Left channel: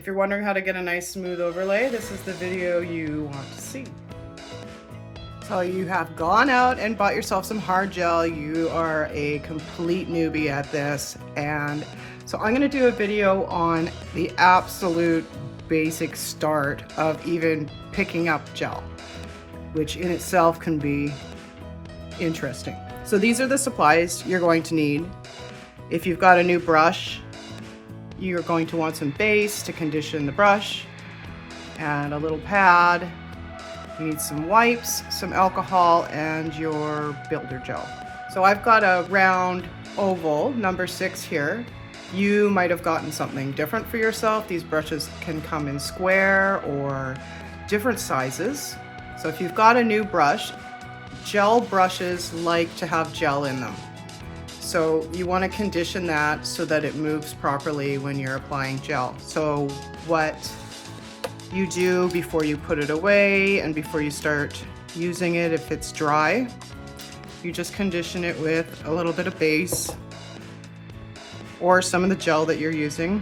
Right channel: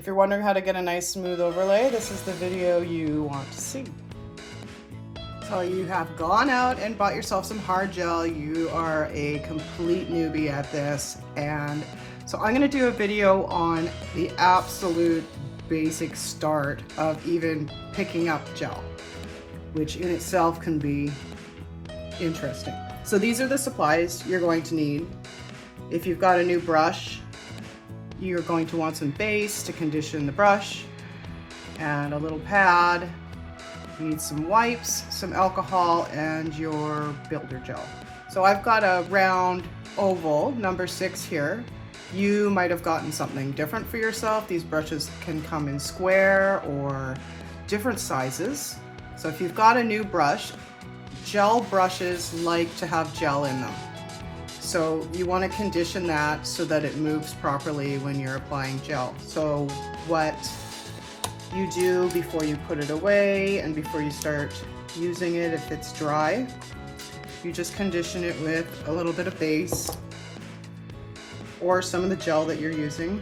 If you're wondering how to get a nice smooth overlay, this is the video you want to see. So you have gone out and bought yourself some hard gel. You are a complete newbie at this. And so I'm gonna do a video on the absolute basic start of even picking up gel, which in itself can be interesting. So these are the supplies you're going to need. If you've got a new brush, you're going to want some base to condition the brush and a little pad. You need some wipes, some alcohol, and your builder gel. So I've got a round oval, number 6 here. You might have gotten something different for yourself. These brushes can come in square or different sizes. So if you've got a new brush, gel brushes like to have gel in them. So you want to condition that so that it moves properly when you're applying gel. So what you do before you put it away and before you start using it, if it's dry, you just condition it with a little bit of base or some of the gel that you're using.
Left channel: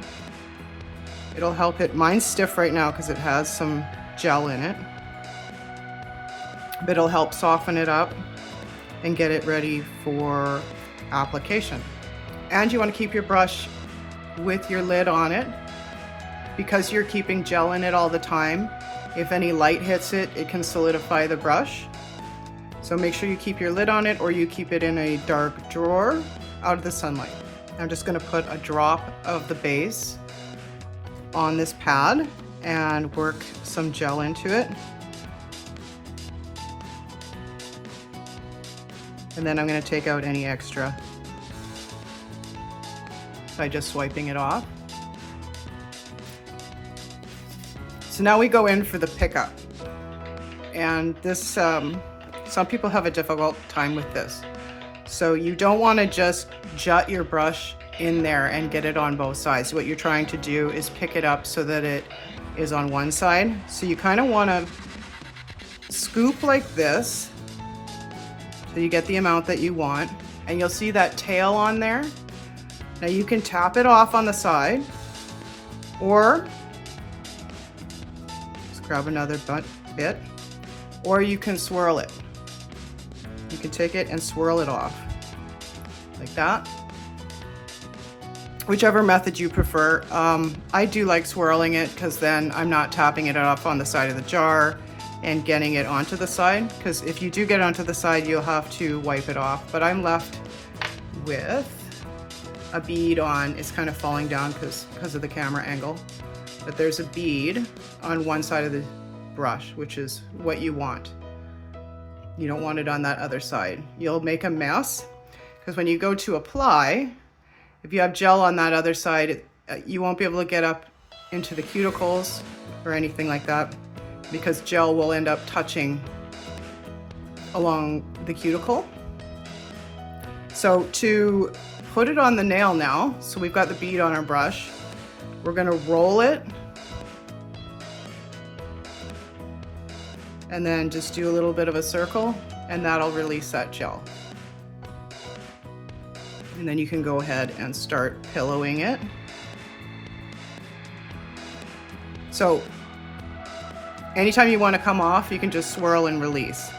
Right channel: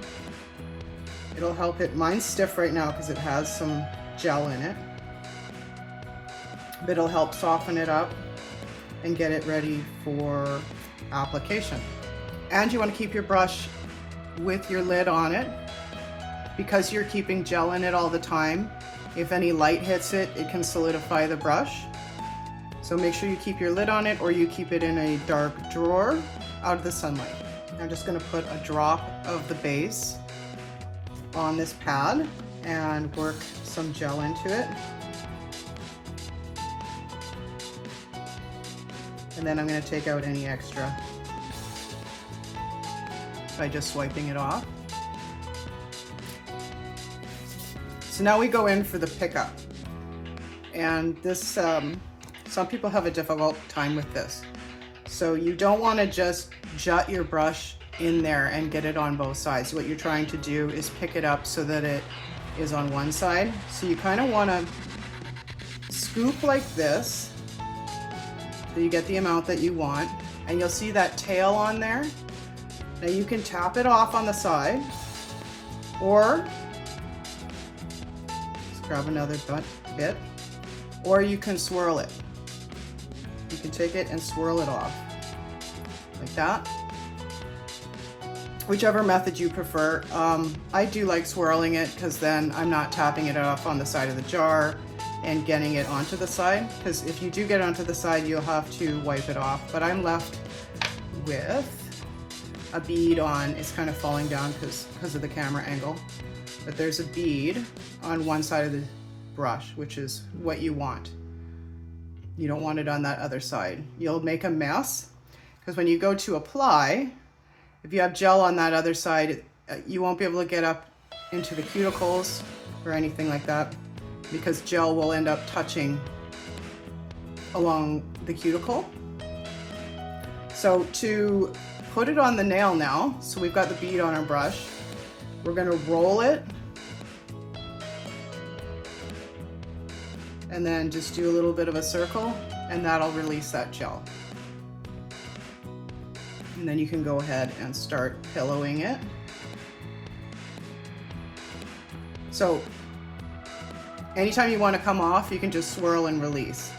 It'll help it. Mine's stiff right now because it has some gel in it, but it'll help soften it up and get it ready for application. And you want to keep your brush with your lid on it because you're keeping gel in it all the time. If any light hits it, it can solidify the brush. So make sure you keep your lid on it, or you keep it in a dark drawer out of the sunlight. I'm just going to put a drop of the base on this pad and work some gel into it. And then I'm going to take out any extra by just swiping it off. So now we go in for the pickup. And this, some people have a difficult time with this. So you don't want to just jut your brush in there and get it on both sides. What you're trying to do is pick it up so that it is on one side. So you kind of want to scoop like this, so you get the amount that you want, and you'll see that tail on there. Now you can tap it off on the side, or just grab another bit, or you can swirl it. You can take it and swirl it off, like that. Whichever method you prefer. I do like swirling it because then I'm not tapping it off on the side of the jar and getting it onto the side, because if you do get onto the side, you'll have to wipe it off. But I'm left with a bead on. It's kind of falling down because of the camera angle, but there's a bead on one side of the brush, which is what you want. You don't want it on that other side. You'll make a mess, because when you go to apply, if you have gel on that other side, you won't be able to get up into the cuticles or anything like that, because gel will end up touching along the cuticle. So to put it on the nail now, so we've got the bead on our brush, we're gonna roll it and then just do a little bit of a circle, and that'll release that gel. And then you can go ahead and start pillowing it. So anytime you want to come off, you can just swirl and release.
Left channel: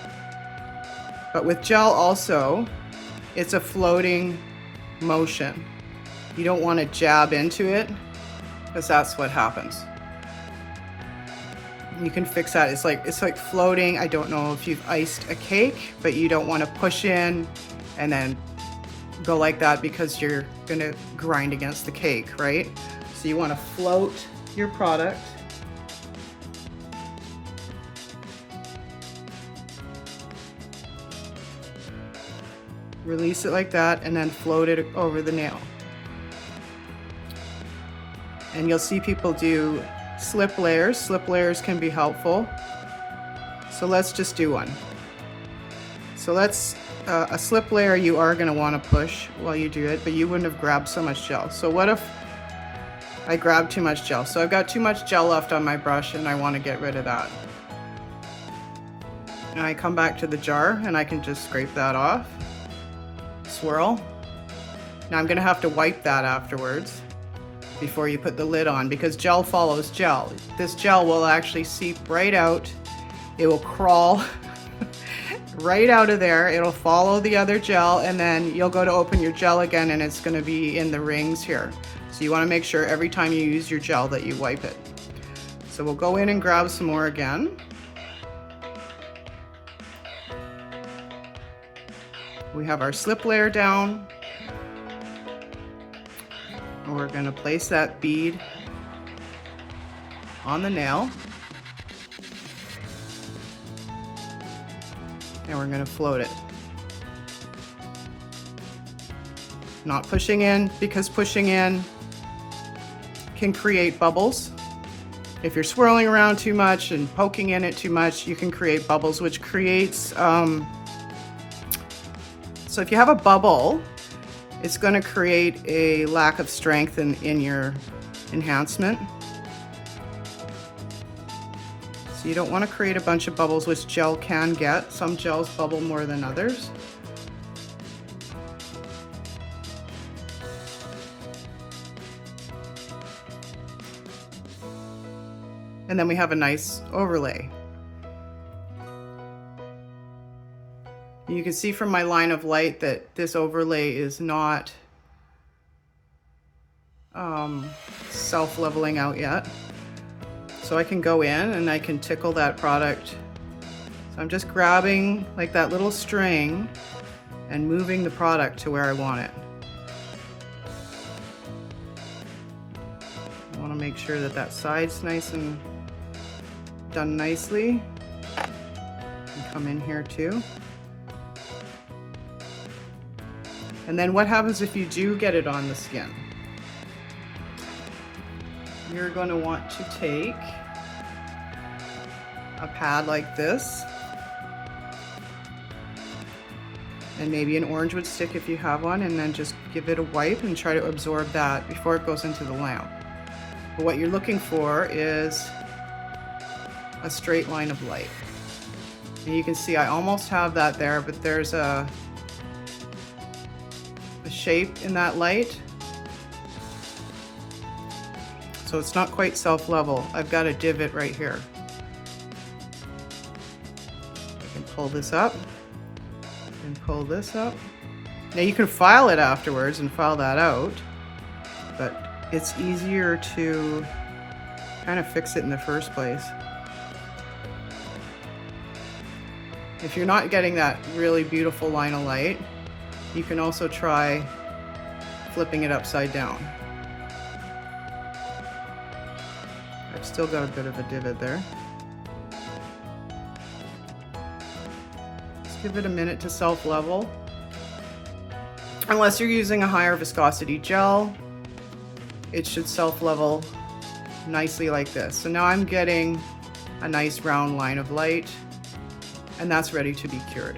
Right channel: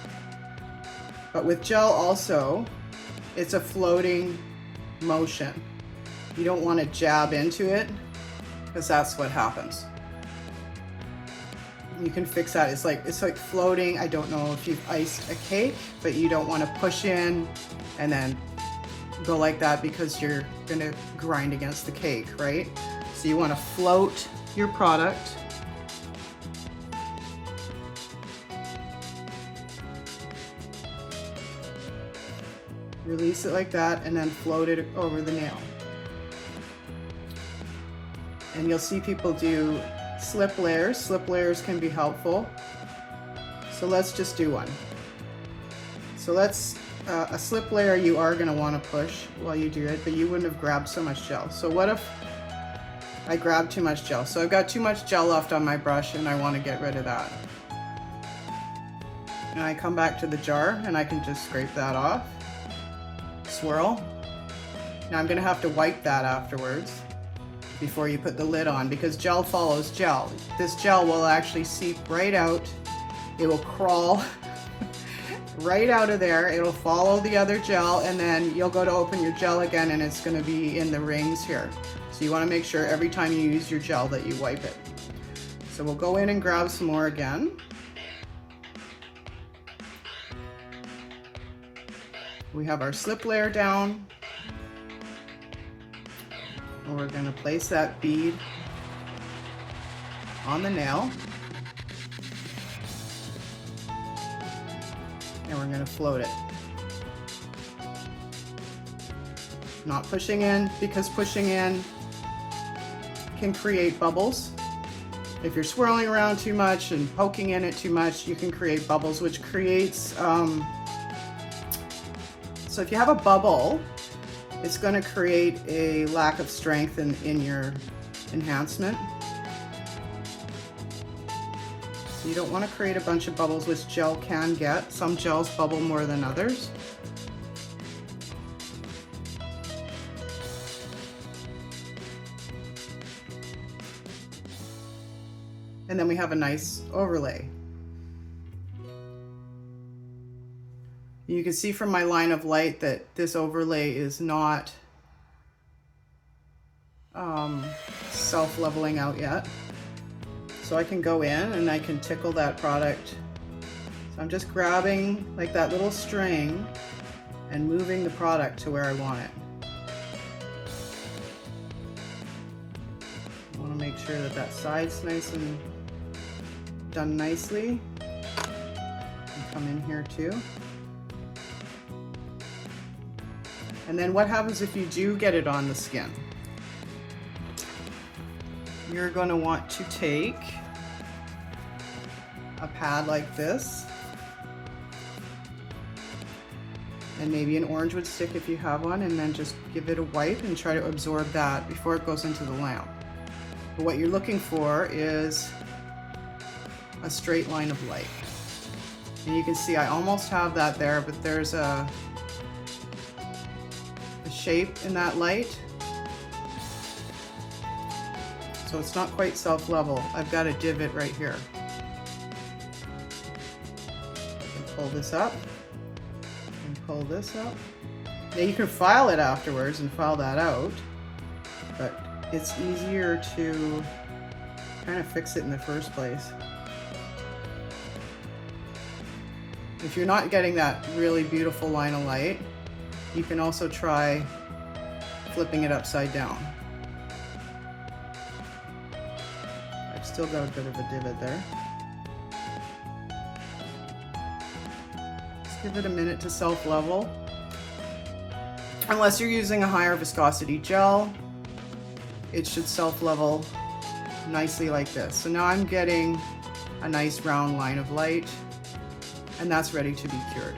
But with gel also, it's a floating motion. You don't want to jab into it, because that's what happens. You can fix that. It's like floating. I don't know if you've iced a cake, but you don't want to push in and then go like that, because you're going to grind against the cake, right? So you want to float your product. Release it like that, and then float it over the nail. And you'll see people do slip layers. Slip layers can be helpful. So let's just do one. So let's, a slip layer you are going to want to push while you do it, but you wouldn't have grabbed so much gel. So what if I grabbed too much gel? So I've got too much gel left on my brush and I want to get rid of that. And I come back to the jar and I can just scrape that off. Swirl. Now I'm going to have to wipe that afterwards. before you put the lid on, because gel follows gel. This gel will actually seep right out. It will crawl right out of there. It'll follow the other gel, and then you'll go to open your gel again and it's going to be in the rings here. So you want to make sure every time you use your gel that you wipe it. So we'll go in and grab some more again. We have our slip layer down. And we're going to place that bead on the nail. And we're going to float it. Not pushing in, because pushing in can create bubbles. If you're swirling around too much and poking in it too much, you can create bubbles, which creates, so if you have a bubble, it's going to create a lack of strength in your enhancement. So you don't want to create a bunch of bubbles, which gel can get. Some gels bubble more than others. And then we have a nice overlay. You can see from my line of light that this overlay is not self-leveling out yet. So I can go in and I can tickle that product. So I'm just grabbing like that little string and moving the product to where I want it. I want to make sure that that side's nice and done nicely. And come in here too. And then what happens if you do get it on the skin? You're going to want to take a pad like this, and maybe an orange wood stick if you have one, and then just give it a wipe and try to absorb that before it goes into the lamp. But what you're looking for is a straight line of light. And you can see I almost have that there, but there's a shape in that light. So it's not quite self-level. I've got a divot right here. I can pull this up and pull this up. Now you can file it afterwards and file that out, but it's easier to kind of fix it in the first place. If you're not getting that really beautiful line of light, you can also try flipping it upside down. I've still got a bit of a divot there. Just give it a minute to self-level. Unless you're using a higher viscosity gel, it should self-level nicely like this. So now I'm getting a nice round line of light, and that's ready to be cured.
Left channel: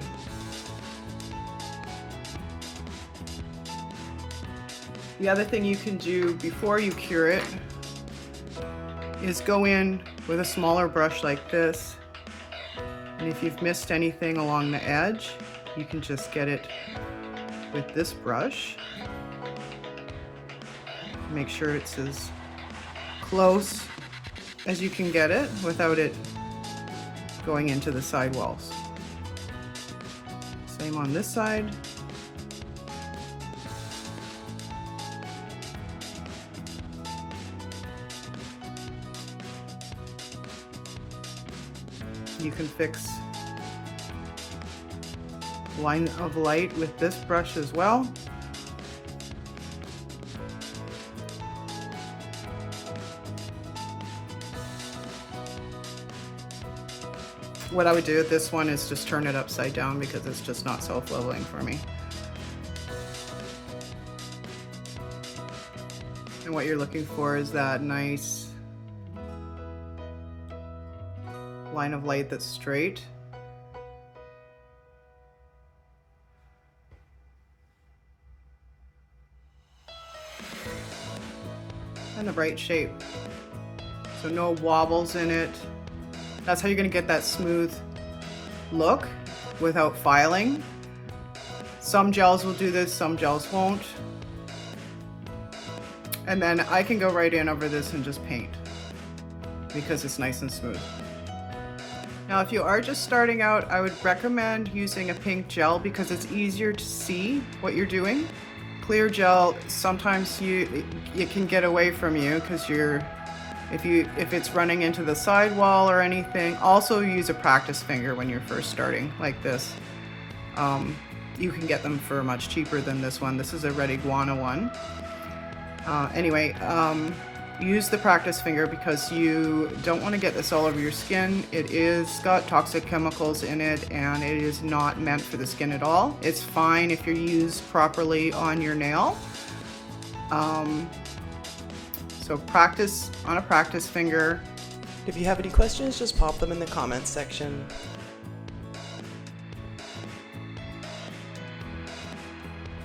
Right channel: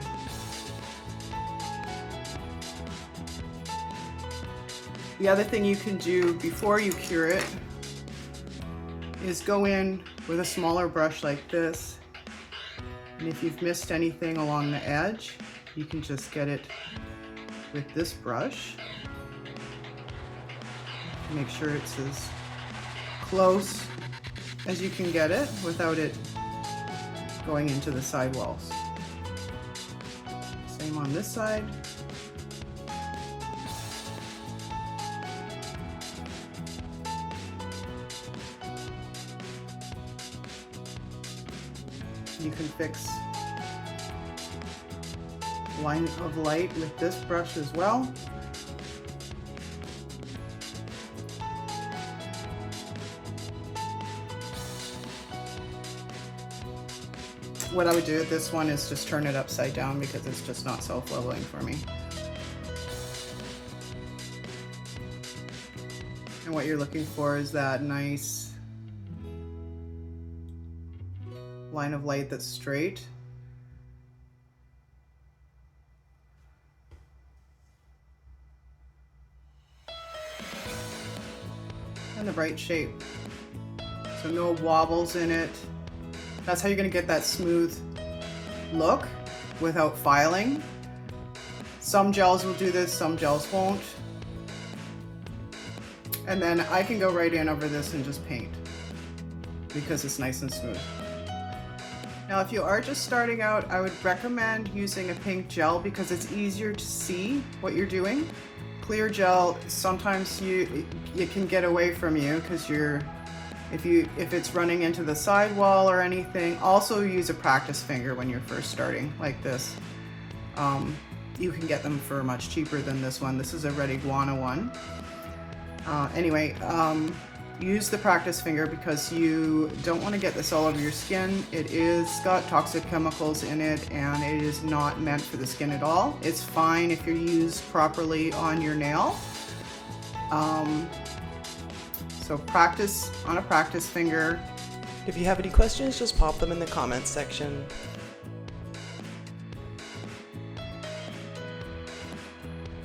The other thing you can do before you cure it is go in with a smaller brush like this, and if you've missed anything along the edge, you can just get it with this brush. Make sure it's as close as you can get it without it going into the sidewalls. Same on this side. You can fix line of light with this brush as well. What I would do with this one is just turn it upside down because it's just not self-leveling for me. And what you're looking for is that nice line of light that's straight. And the right shape. So no wobbles in it. That's how you're going to get that smooth look without filing. Some gels will do this, some gels won't. And then I can go right in over this and just paint because it's nice and smooth. Now, if you are just starting out, I would recommend using a pink gel because it's easier to see what you're doing. Clear gel, sometimes it can get away from you because if it's running into the sidewall or anything. Also use a practice finger when you're first starting, like this. You can get them for much cheaper than this one. This is a Red Iguana one. Anyway, use the practice finger because you don't want to get this all over your skin. It is got toxic chemicals in it and it is not meant for the skin at all. It's fine if you're used properly on your nail. So practice on a practice finger. If you have any questions, just pop them in the comments section.